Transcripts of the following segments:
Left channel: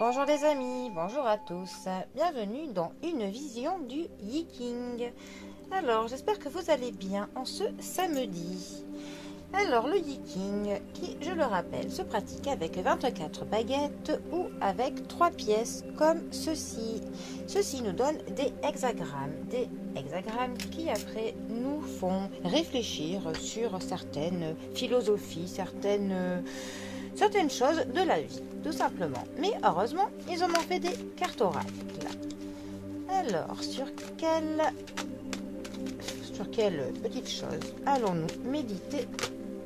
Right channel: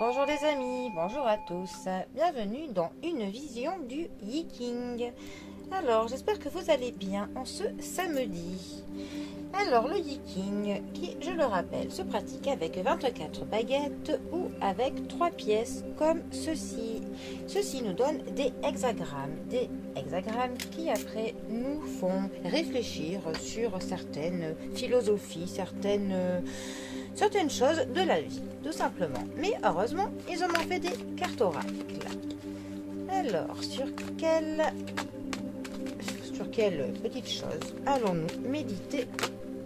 Bonjour les amis, bonjour à tous, bienvenue dans une vision du Yiking. Alors j'espère que vous allez bien en ce samedi. Alors le Yiking, qui je le rappelle, se pratique avec 24 baguettes ou avec 3 pièces comme ceci. Ceci nous donne des hexagrammes qui après nous font réfléchir sur certaines philosophies, certaines choses de la vie, tout simplement. Mais heureusement, ils en ont fait des cartes oracles. Alors, sur quelle petite chose allons-nous méditer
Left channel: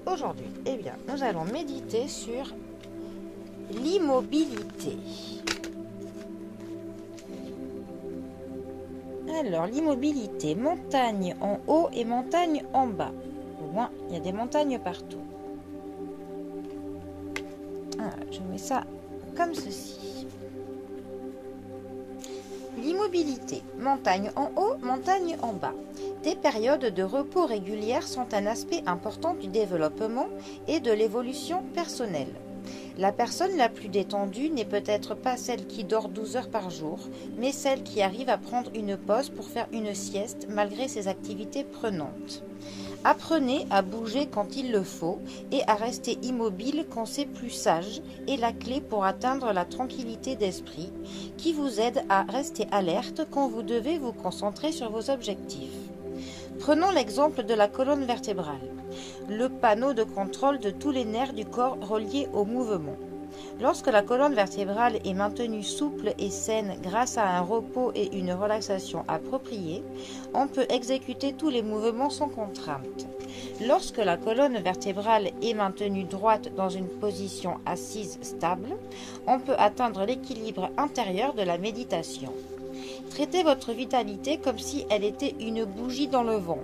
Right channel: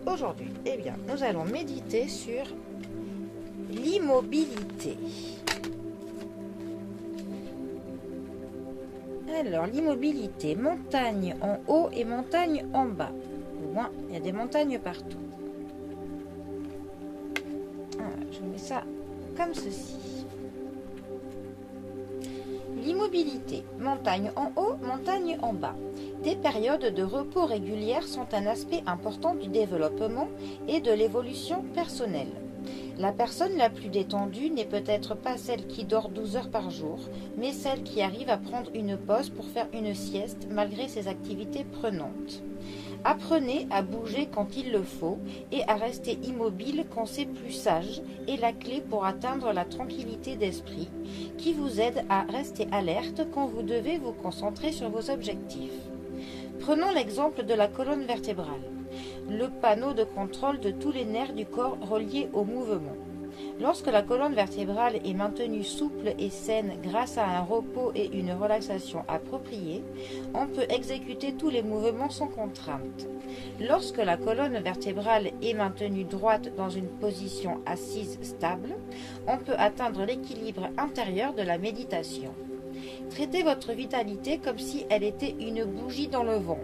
aujourd'hui? Eh bien, nous allons méditer sur l'immobilité. Alors, l'immobilité, montagne en haut et montagne en bas. Au moins, il y a des montagnes partout. Voilà, je mets ça comme ceci. L'immobilité, montagne en haut, montagne en bas. Des périodes de repos régulières sont un aspect important du développement et de l'évolution personnelle. La personne la plus détendue n'est peut-être pas celle qui dort 12 heures par jour, mais celle qui arrive à prendre une pause pour faire une sieste malgré ses activités prenantes. Apprenez à bouger quand il le faut et à rester immobile quand c'est plus sage est la clé pour atteindre la tranquillité d'esprit qui vous aide à rester alerte quand vous devez vous concentrer sur vos objectifs. Prenons l'exemple de la colonne vertébrale, le panneau de contrôle de tous les nerfs du corps reliés au mouvement. Lorsque la colonne vertébrale est maintenue souple et saine grâce à un repos et une relaxation appropriée, on peut exécuter tous les mouvements sans contrainte. Lorsque la colonne vertébrale est maintenue droite dans une position assise stable, on peut atteindre l'équilibre intérieur de la méditation. Traitez votre vitalité comme si elle était une bougie dans le vent.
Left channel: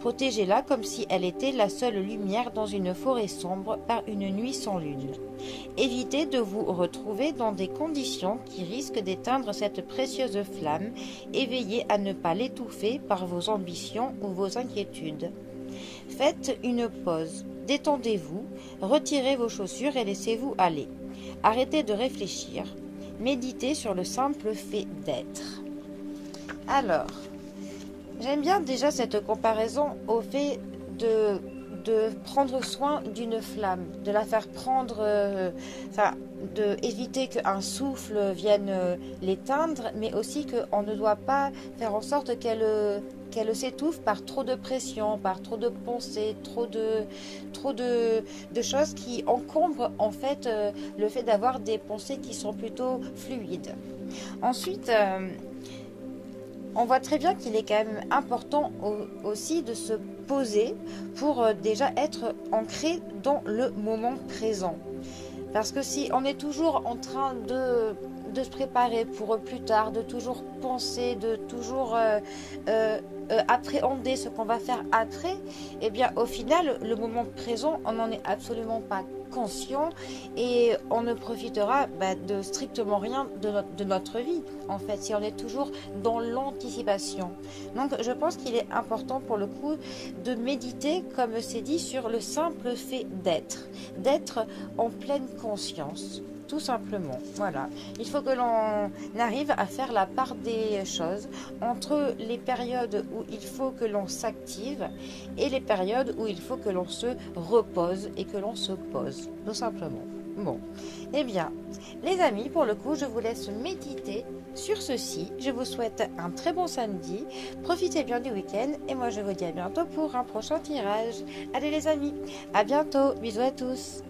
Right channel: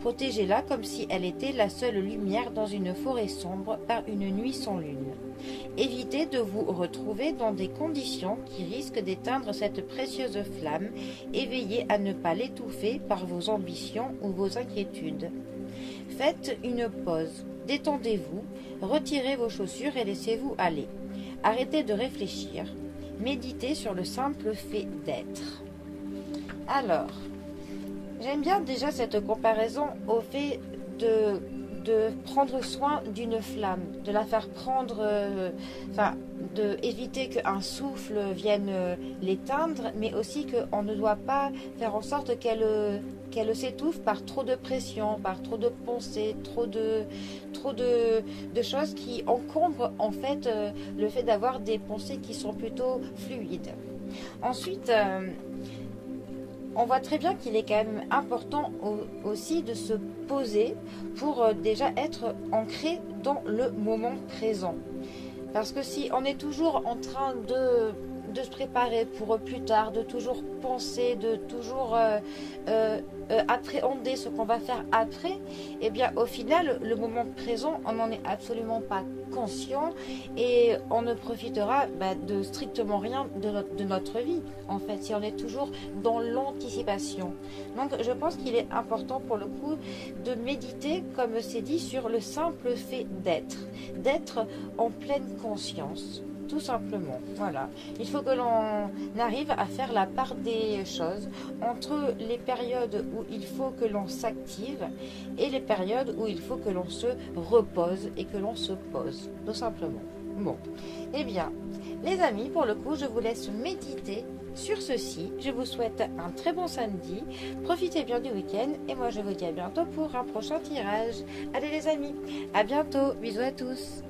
Protégez-la comme si elle était la seule lumière dans une forêt sombre par une nuit sans lune. Évitez de vous retrouver dans des conditions qui risquent d'éteindre cette précieuse flamme et veillez à ne pas l'étouffer par vos ambitions ou vos inquiétudes. Faites une pause, détendez-vous, retirez vos chaussures et laissez-vous aller. Arrêtez de réfléchir, méditez sur le simple fait d'être. Alors, j'aime bien déjà cette comparaison au fait de prendre soin d'une flamme, de la faire prendre, d'éviter qu'un souffle vienne l'éteindre, mais aussi qu'on ne doit pas faire en sorte qu'elle s'étouffe par trop de pression, par trop de pensées, trop de choses qui encombrent en fait le fait d'avoir des pensées qui sont plutôt fluides. Ensuite, on voit très bien qu'il est quand même important aussi de se poser pour déjà être ancré dans le moment présent. Parce que si on est toujours en train de se préparer pour plus tard, de toujours penser, de toujours appréhender ce qu'on va faire après, eh bien au final, le moment présent, on n'en est absolument pas conscient et on ne profitera de strictement rien de notre vie en fait si on est toujours dans l'anticipation. Donc je pense qu'il est important pour le coup de méditer, comme c'est dit, sur le simple fait d'être en pleine conscience. Tout simplement, voilà. Il faut que l'on arrive à faire la part des choses entre les périodes où il faut que l'on s'active et les périodes où il faut que l'on se repose et que l'on se pose, tout simplement. Bon, eh bien, les amis, pour le coup, je vous laisse méditer sur ceci. Je vous souhaite un très bon samedi. Profitez bien du week-end et moi, je vous dis à bientôt pour un prochain tirage. Allez les amis, à bientôt. Bisous à tous.